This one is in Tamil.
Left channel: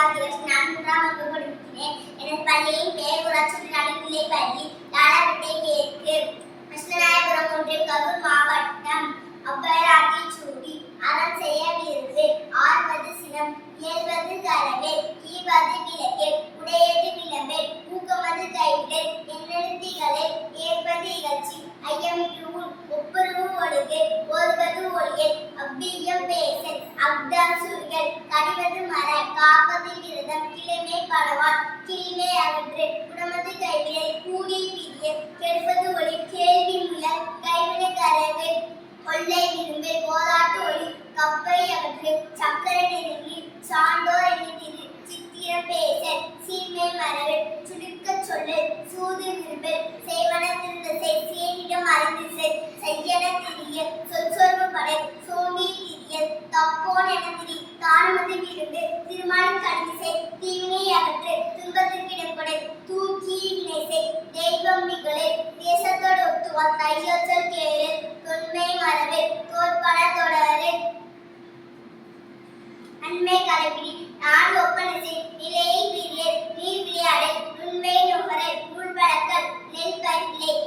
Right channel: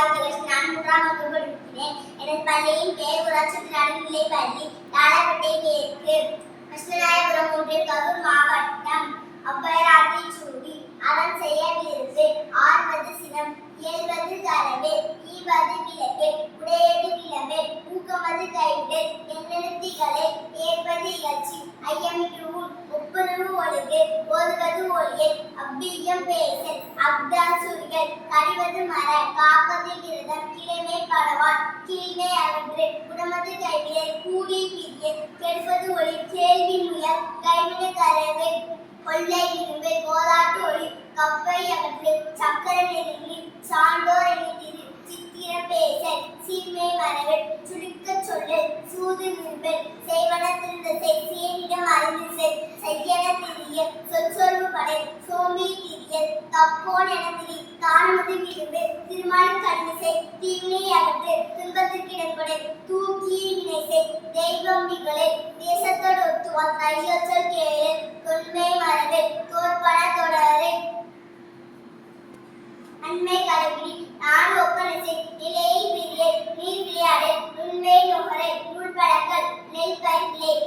ராஜேஷ். நான் 3ஆம் வகுப்பு படிக்கிறேன். எனது பள்ளியின் பெயர் ஊராட்சி நடுநிலைப் பள்ளி லாலப்பேட்டை மேற்கு, கிருஷ்ணராயபுரம் ஒன்றியம், கரூர் மாவட்டம். ஔவையார் ஆத்திச்சூடி. அறம் செய்ய விரும்பு. ஆர்வது சினம். இயல்வது கரவேல். ஈவது விளக்கேல். உடையது விளம்பேல். ஊக்கமது கைவிடல். எண்ணெழுத்திகளை ஏற்பது இகழ்ச்சி. ஐயமிட்டு ஊழ். ஒப்புரவு ஒழுகு. ஓதுவது ஒழியல். அவ்வியம் பேசல். அஃதால் சுருகல். கடிவது மர. காப்பது விரதம். கிழமை படவான். கீழ்மை அகன்று. உடமது கைவிடல். கூடில் பிரியல். கெடுப்பது ஒளி. கேள்வி முயல். கைவிட கரவேல். கொள்ளை விரும்பு. கோதாட்டு ஒளி. கப்பை அகற்று. சக்கர நெருங்கி. சான்றோர் எண்ணிதிரு. சித்திரம் பேசல். சீர்மை மறவல். சுருக்கச் சொல்லல். சூது விரும்பல். செய்வன திருந்த செய். சேனிடம் அறிந்து செய். செய்யன திரியல். சொற்சொர்வு படல். சோம்பி திரியல். தப்போன் என திரி. தானமது விரும்பு. திருமாலின் கடமை செய். தீவினை அகற்று. துன்பத்திற்கிடப்படல். தூக்கி வினை செய். தெய்வம் நிகழல். தேசத்தோடு ஒத்துவார். கையொற்றல் கேளல். தொன்மை மறவேல். தோற்பன தொடரல். அண்மை கடைபிடி. நாடு ஒப்பனை செய். நிலையை பிரியல். நீர் விளையாடல். நுண்மை நுகரல். நூல் பழக்கல். நெல் பயிர் விளை.